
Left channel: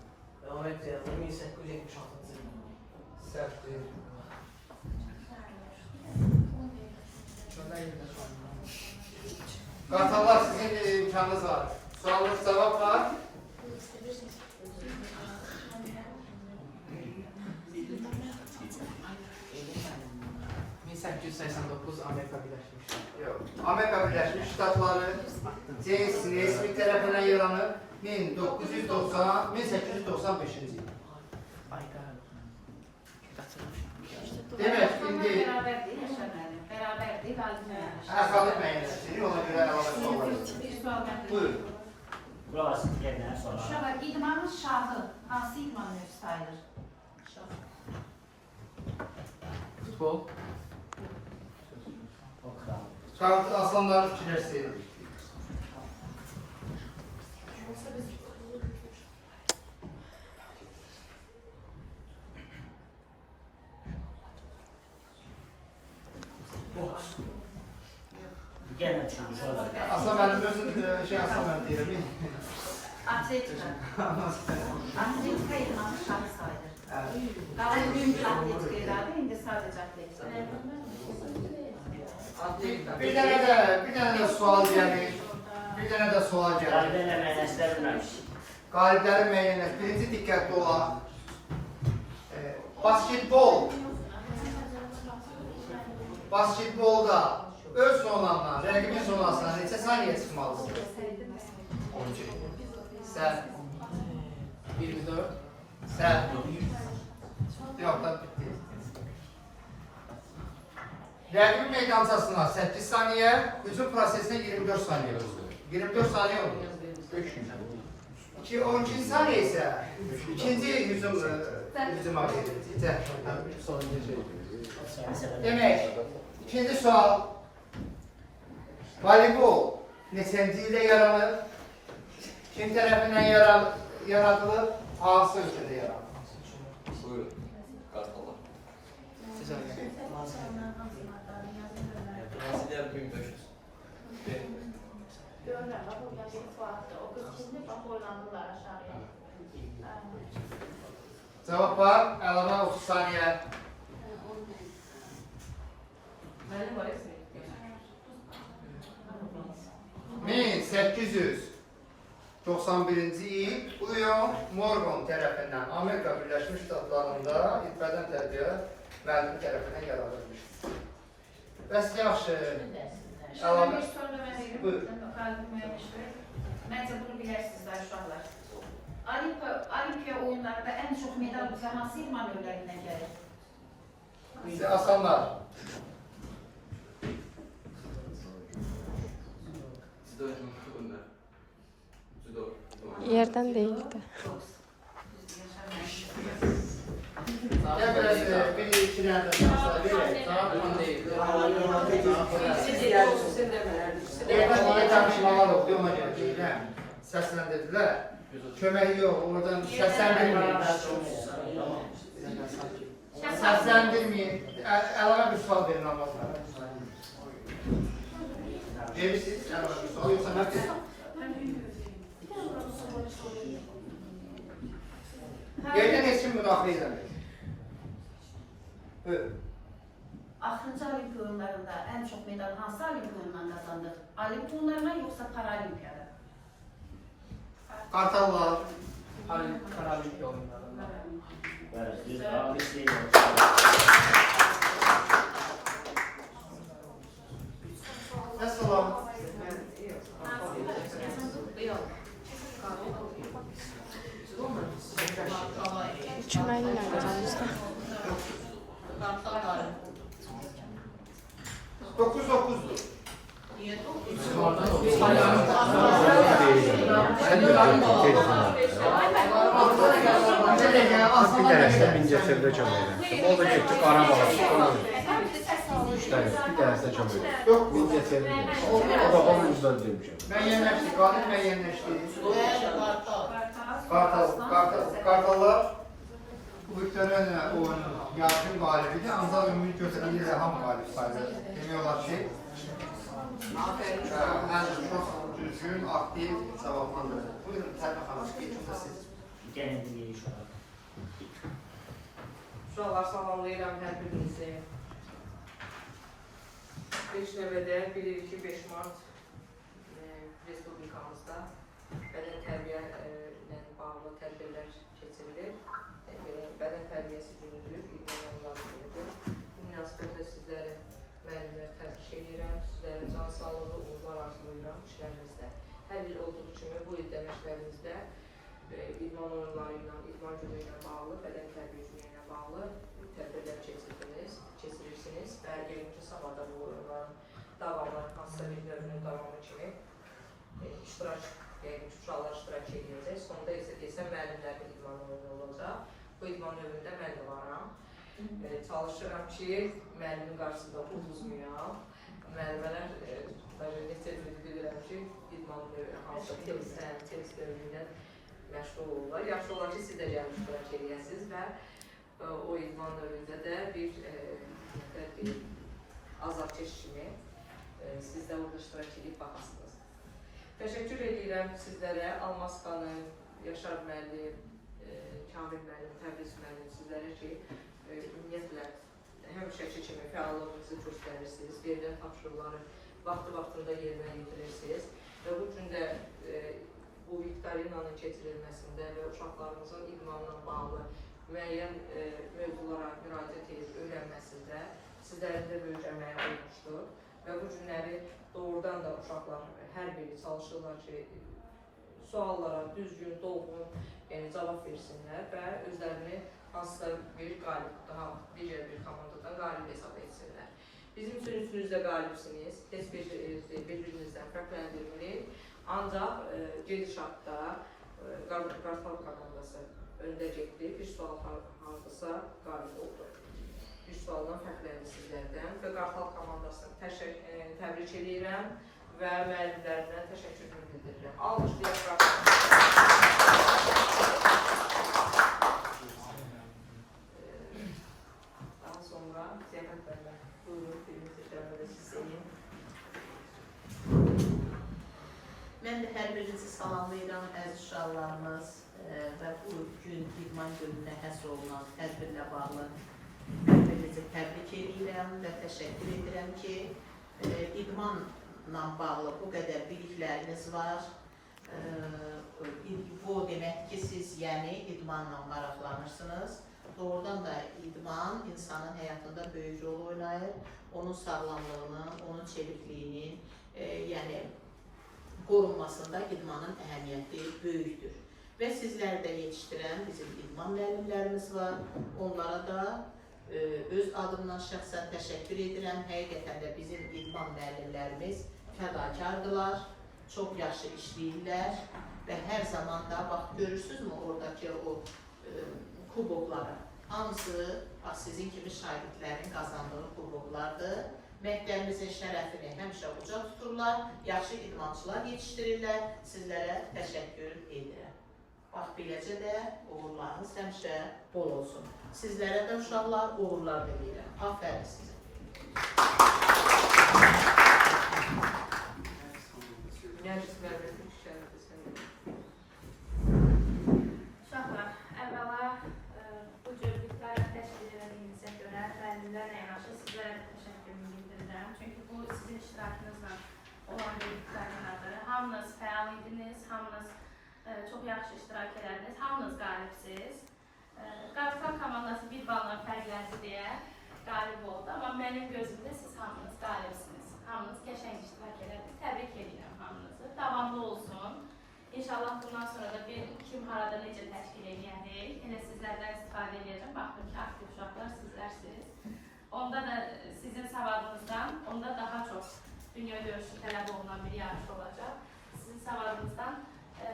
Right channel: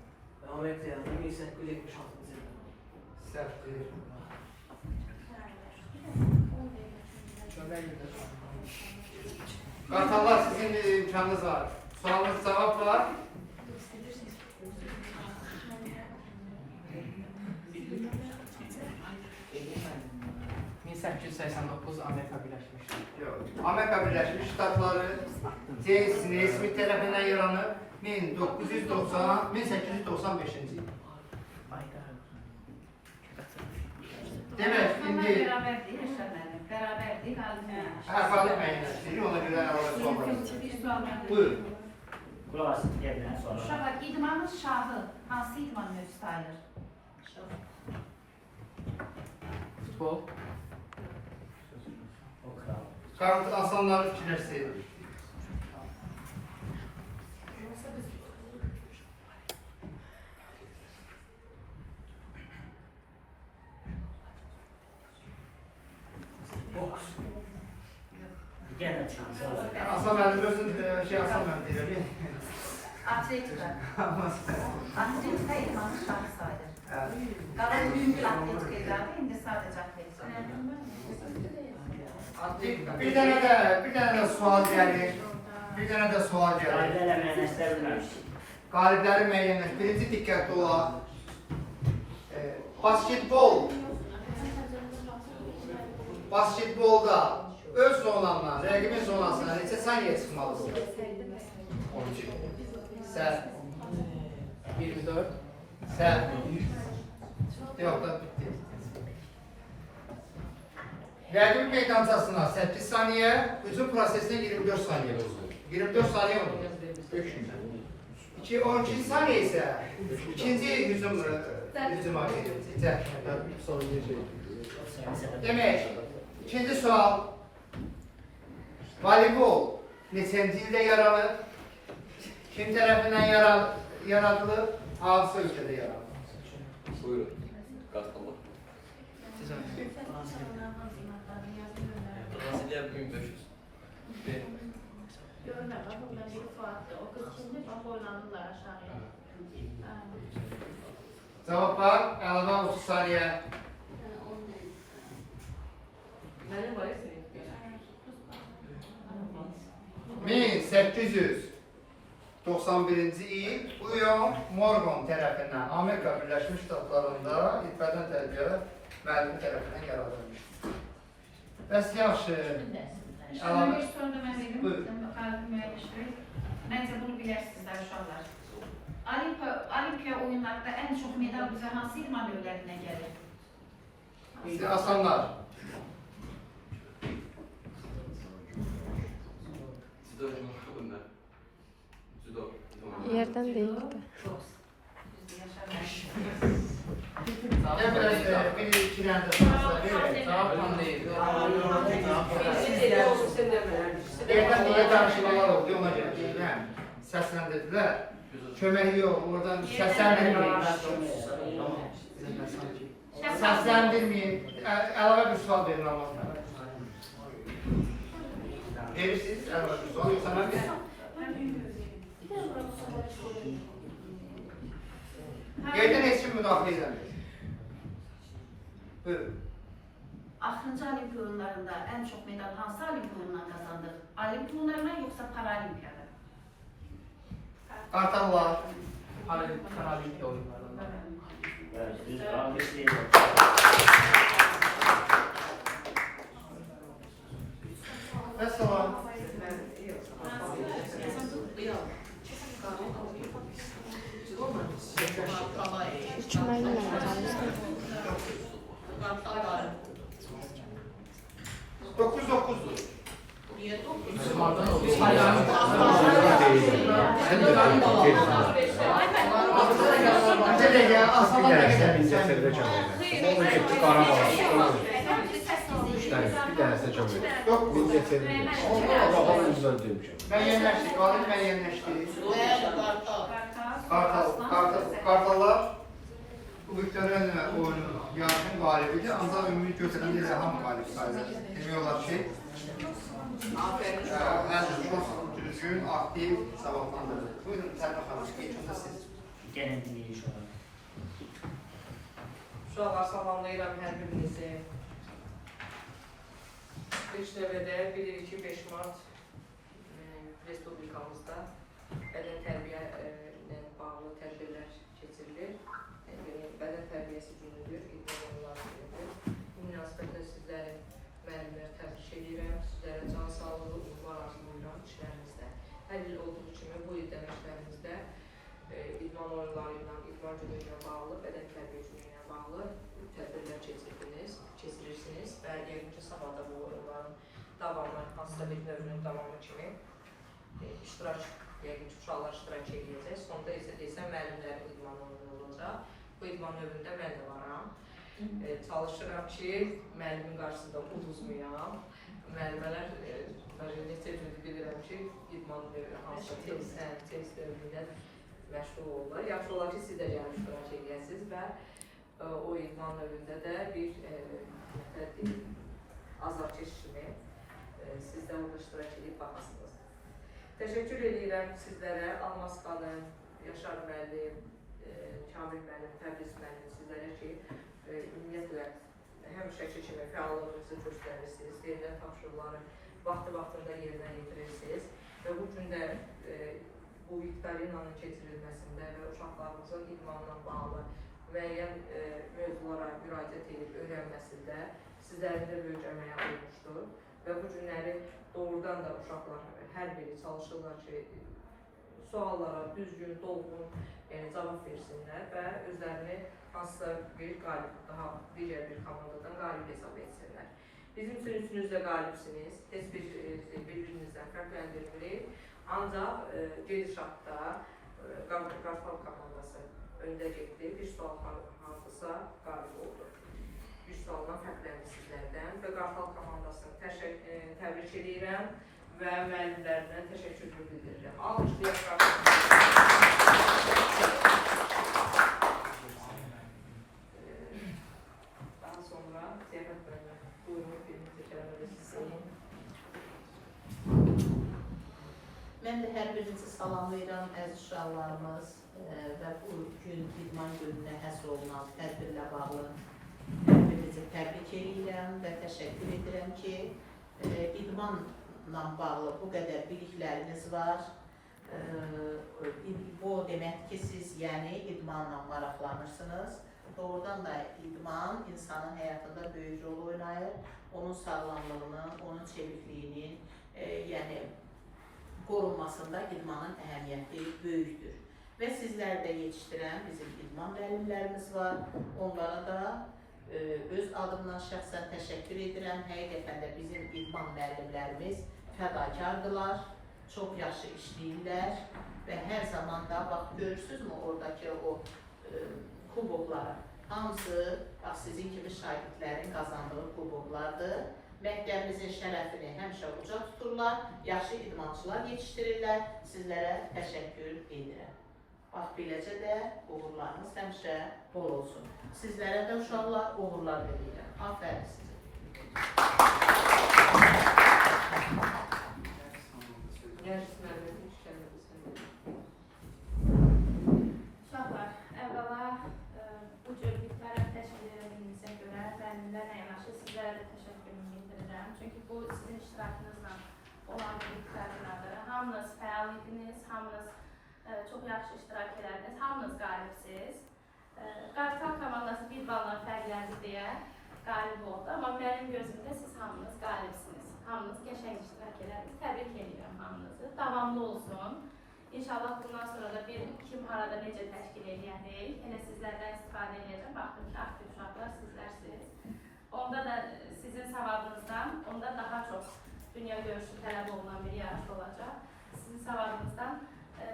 Amerika'ya. 1876 yılında. Səhvdir. Qartallar sizin de imkanınız var. Sualınız cevap var. Amerika Birləşmiş Ştatları. Yok. Amerika Birleşmiş Ştatları James Naismith tarafından yaranır. 1895 yıl. Demek şimdi Bərabərdir, Yaşar müəllim. Bərabərdir, qalib. kaldık müəyyənləşdirir, ona göre əlavə suallar. Bir sual mənim. Buyurun. Kulaq gəldən sonra. Uşaqlar, idmanın şahı hansı idman növü sayılır? Futbol. Kart asanları fikirləşsin. Gəlmə çıxmış olacaq. Aslan mənim özüm aslan mənim deyirəm. Atletika. Atletika idmanın şahı sayılır. Evet. Qalan mümkün atletika iladı, indi sadəcə atletika. Bir tane de sual gəlir. Bir tane de sual gəlir. Qayda eləməyənəşdə bilməmişik. Qaliblərin müəyyənləş. Birinci diqqətli olan basketbol. Basketbolda öz zonandan, rəqibin zonasına neçə saniyə çıxmalısın? 12. Səhv. 24. Səhv. Yox da bitti. Rəqibin meydancasına 8 saniyə, hücum prosesinə 24 saniyə olur. 24 saniyə olur. 12 saniyə isə ikinci hücuma gedir. Demək, ikinci sual. Voleybol neçənci ildə yaranır? Kim tərəfindən yaradılır? Hansı ölkədə yaranır? Buyurun. Kartallar. Brezilya 1500. Görürəm, burada bir sualdır. O qız şimdi bax oynanırlar aşağıya. Cavab var. Əlavə 30 saniyə. Benim var ya senin. 1896 91-ci il William Morgan tərəfindən Amerika Birləşmiş Ştatlarında İtbədən tərbiyə müəllimi tərəfindən qərar vermişdir. Bəs yaxşı, Şuna bir soru da mən verim. Buyurun. Məncə bunu bilərsiniz uşaqlar. Olimpiya oyunlarında ən çox medal bizə hansı idman növlərindən gəlir? asanlar. Yerden değildi. Ne biraz bir iki tane de şanslar verir. Yerden diye danışmalar oldu, ona göre. Seslendirdiler. Kömeği yok, oradan seslendirmeyin. Seslendirmeyin. Əlavə bir sual verin Ramazan. Verirsiniz, əlavə bir sual yoksa mən verin. Yerdən heç kim müdaxilə edəmir. Buyurun. Axırıncı Olimpiya oyunlarında ən çox medal hansı Olimpiya oyunlarından qazandı? Olimpiya oyunlarına yoxsa Paralimpiyada? Kartallar. Paralimpiya oyunlarında. Əssalam. Çöməklə qazanmışdı. 9-9'dur. Niye 9? Bize de ya aslında ne kadar? Bincəsərdə çəməklə. Onu getdi Qarabağ. 3 dənə, bir dənəsi də çəməklə. Yok. Bincəsərdə. Onun üzrə demişəm. Ben yenleştik, valim ben yenleştik. Kartallar bu Victoria oyunun yarışın galibidir. Ancak ümumi götürende de ham galip sayılır. Demiyorlar ki en çok düzgün, aktif, savunmalıdır. Buyurun Serkan Hanım, geçin de siz. Gene dinleyin şu an. Uşaqlar salamlayıram hər birinizi. İlk növbədə bilirik ki, 5 Mart Respublikamızda bədən tərbiyə ilə bağlı tədbirlər keçirilir. Bədən tərbiyəsi günüdür, idman onların günüdür. Bu münasibətlə sizləri müəllimlər təbrik edirəm, sizlərə can sağlığı, uğurlar arzulayıram işlərinizdə. Hər il olduğu kimi bu il dəməşlərimizdə idman oyunları ilə, idman günü ilə bağlı, bədən tərbiyə günü ilə bağlı tədbirlər keçirirsiniz və yəqin ki, sabah da bu oyunların davamı, hansısa bir növünün davamı kimi iştirak, yəqin ki, uşaqlar iştirak edəcək. Sonda isə desəm, müəllimlərin idman oyunu olacaq. Bu idman növündə mən də varam. Çalışıram ki, müəllimin qarşısında uduzmayam. Müəllimələr, mən necə bilirəm ki, idman hansısa test növündə məşğul olurlar. Yaxşı olar ki, siz də gəlib iştirak edəsiniz və o idman növündə də bir azarkeş kimi siz də orada iştirak edib baxasınız. Təşəkkür edirəm sizlərə, Almaz xanım, Yaşar müəllim, Kamil müəllim, Təbriz müəllim sizlərə ki, ümumiyyətlə həmişəki kimi fəallığınızı göstərirsiniz, verilən tapşırıqları vaxtında yerinə yetirirsiniz və bu gün də bu viktorinanın keçirilməsində və uşaqlarımızın idmanla bağlı müəyyən mövzulara müraciət edib öyrənməsində sizlərin də böyük əməyi olmuşdur və bu günləri doğrudan da uşaqlar hər biri çalışırlar ki, suallara düzgün, dolğun cavab versinlər və özlərini hansısa bir qalib, daha digər bir komandadan qalib hesab etsinlər. Bizim üçün üçünüz də qalibsiniz, heç bir-birinizdən fərqləndirmirik. Ancaq gedişatda Qartal komandası öndə getdi, bir sual hardasa qalib oldu. Bir sualdan fərqləndi sizlərdən və Qartal komandasını təbrik edirəm və müəllimlərinə təşəkkürümü bildirirəm. Alqışlayaq. Daha sonra Ziyafət bəylər, buyurun, birinizi kələmədə sizsəyin. Mən də hər birinizi salamlayıram, əziz uşaqlarımız və bu gün idman gününə həsr olunan tədbirlə bağlı hər birinizi təbrik edirəm və təşəkkür edirəm ki, idmanla bağlı bu qədər bilikləriniz var Bu deməkdir ki, siz yəni idmanla maraqlanırsınız. Doğrudan da idman insanın həyatında böyük rol oynayır. Onun sağlamlığının, onun çevikliyinin, yəni qorunmasında idmanın əhəmiyyəti böyükdür. Və sizlərdə yetişdirən bizim idman müəllimlərimiz var. Onlara da öz adımdan şəxsən təşəkkür edirəm. Həqiqətən də bizim idman müəllimlərimiz fədakardırlar, çox yaxşı işləyirlər və hər zaman da, bax görürsünüzmü oradakı o kubokları? Hamısı sizin kimi şagirdlərin qazandığı kuboklardır. Məktəbimizin şərəfini həmişə uca tuturlar, yaxşı idmançılar yetişdirirlər. Sizlərə təşəkkür edirəm. Bax, beləcə də uğurlarınız həmişə bol olsun. Sizlərə də uşaqlar uğurlar verirəm. Afərin sizə. Uşaqlar, əvvəla bu cür diktariyyat təşkil edildiyinizə görə müəllimlərlə yanaşı sizlərə də təşəkkürümü bildirirəm. Çünki bu sizin iştirakınızla olan bir diktariyadır. Hamınız fəal idiniz, hamınız çox yaxşı iştirak elədiniz, hamınız qalibsiz. Qapital komandası bir balla fərqləndi deyə qalib oldu, amma mənim gözümdə siz hamınız qalibsiniz. Hamınız qəşəng iştirak elədiniz. Təbrik edirəm hamınızı. Davamlı olsun. İnşallah bundan sonra da kim harada necə təşkil edəcək, elə sizlərdən istifadə edəcəm. Baxdım ki, aktiv uşaqlar sizlərsiniz. Onda da sizin savadınızdan, onda daha çox dünya görüşü tələb olunan bir yarış olacaq. Sizin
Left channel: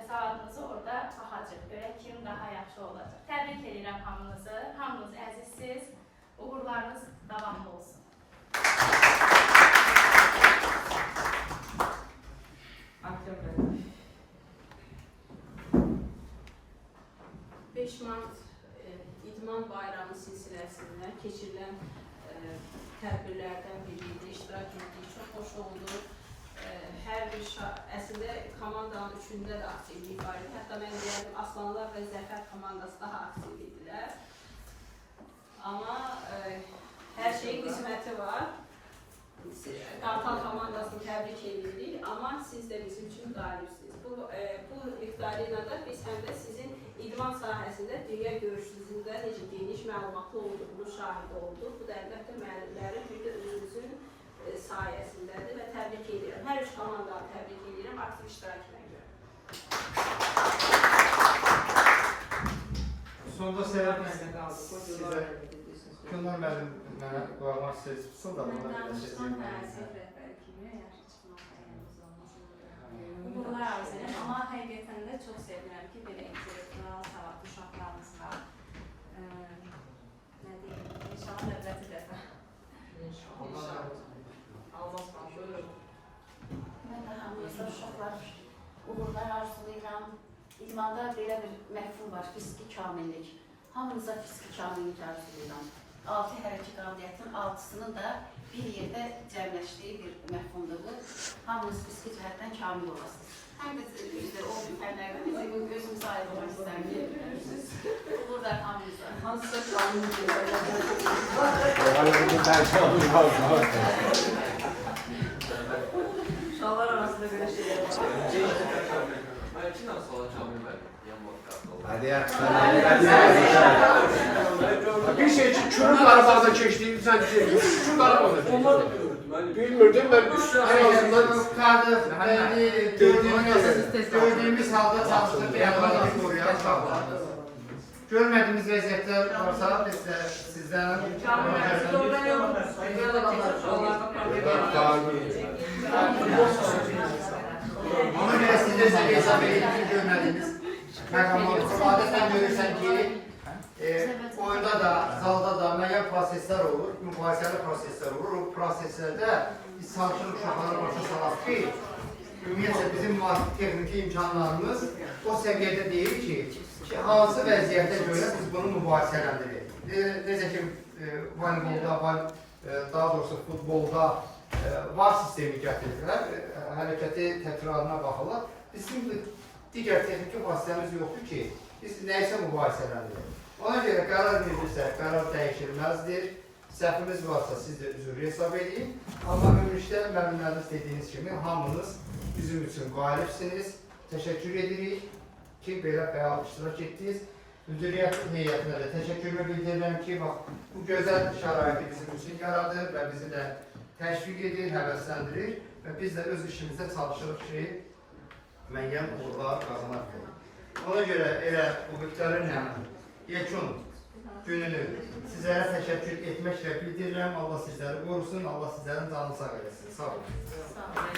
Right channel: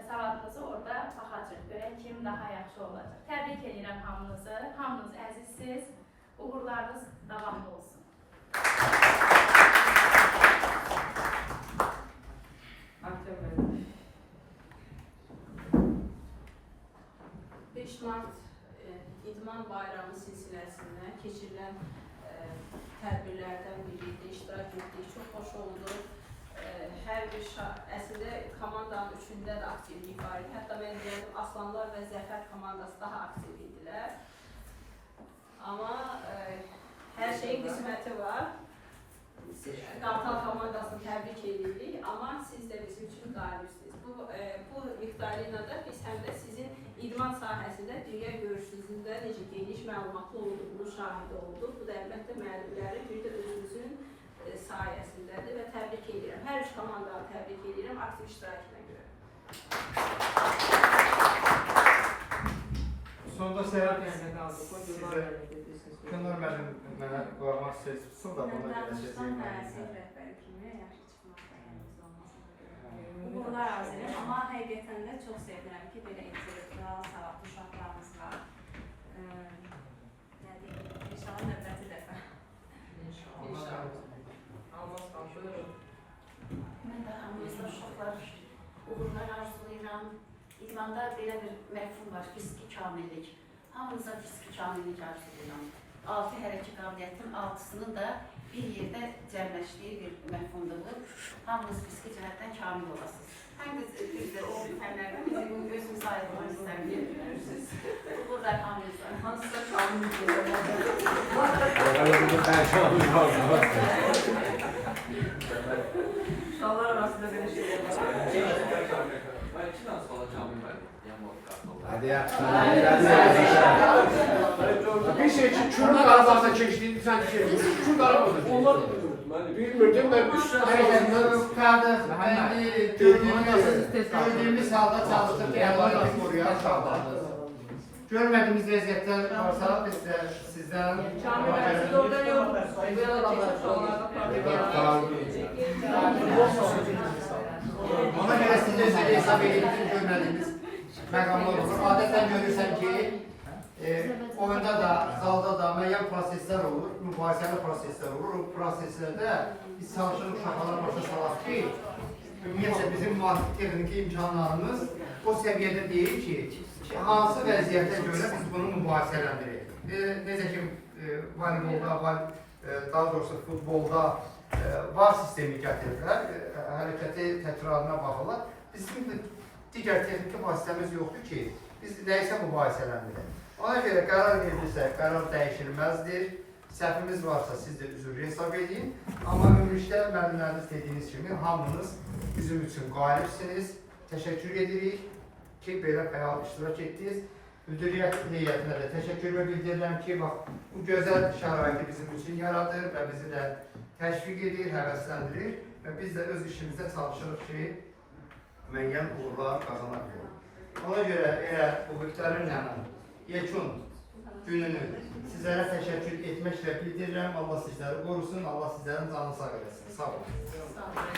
savadınızı orada baxacaq, görək kim daha yaxşı olacaq. Təbrik edirəm hamınızı, hamınız əzizsiz, uğurlarınız davamlı olsun. 5 Mart İdman Bayramı silsiləsində keçirilən tədbirlərdən biriydi, iştirak etdik, çox xoş oldu. Hər bir əslində komandanın üçündə də aktivlik var idi. Hətta mən deyərdim, Aslanlar və Zəfər komandası daha aktiv idilər. Amma hər şeyin qisməti var. Qapital komandasını təbrik edirik, amma siz də bizim üçün qalibsiniz. Bu viktorinada biz həm də sizin idman sahəsində dünya görüşünüzdə necə geniş məlumatlı olduğunu şahidi olduq. Bu da əlbəttə müəllimlərin, bir də özünüzün sayəsindədir və təbrik edirəm. Hər üç komandanı təbrik edirəm aktiv iştirakına görə. Sonda sizə Könül müəllim mənə qoymaq istəyirsin da buna bir şey deyim. Uğurlar arzu edirəm, amma həqiqətən də çox sevirəm ki, belə intellektual, savadlı uşaqlarımız var. İnşallah növbəti dəfə. Mən də hamınızda uşaqlar uğurlar arzulayıram. İdmanda belə bir məfhum var, fiziki kamillik. Hamınıza fiziki kamillik arzulayıram. 6 hərəkət qabiliyyətin 6'sının da bir yerdə cəmləşdiyi bir məfhumdur bu. Hamınız fiziki cəhətdən kamil olasınız. Həm də o fənlərdən özünüzə aid olmaq istəmirsiniz. Burada hamınıza. Hansısa kamil uşaqlar arasında belə şeylər var. Ben iki tane sola kamil verdim. Hadi ya. Bir şey için çürük aralarında geçtiğini sen şurada aramadın. Onlar da biliyordum. Bilmirdim ben en azından Yukarıda gördüğümüz halde çalıştık. Eyvallah koruyan uşaqlardır. Görmediğimiz vəziyyətlər varsa biz də sizdən Siz orada yoxdunuz. ona görə sizə hesab edib ki, görmədiyiniz məqamlar olur. Adətən görürsən ki, oyunda da, zalda da müəyyən proseslər olur, mübahisəli proseslər olur. O proseslərdə biz çalışırıq uşaqları başa salaq ki, ümumiyyətlə bizim texniki imkanlarımız o səviyyədə deyil ki, hansı vəziyyətə görə biz bunu mübahisələndirik. Necə ki, voleybolda, daha doğrusu futbolda var sistemi gətirirlər, hərəkəti təkrarına baxırlar. Bizim digər texniki vasitəmiz yoxdur ki, biz nəyisə mübahisələndirik. Ona görə qərar verilirsə, qərar dəyişilməzdir. Səhvimiz varsa siz də üzrlü hesab edin. Amma ümumilikdə müəllimləriniz dediyiniz kimi hamınız bizim üçün qalibsiniz. teşekkür edirik ki, belə fəal iştirak etdiniz. Müdiriyyət heyətinə də təşəkkürlər bildirirəm ki, bax, bu gözəl şəraiti bizim üçün yaradır və bizi də təşviq edir, həvəsləndirir və biz də öz işimizdə çalışırıq ki, müəyyən uğurlar qazanaq. Ona görə elə bu Viktorin həmən yekun gününü sizlərə təşəkkür etməklə bildirirəm. Allah sizləri qorusun, Allah sizlərin canını sağ eləsin. Sağ olun. Sağ olun.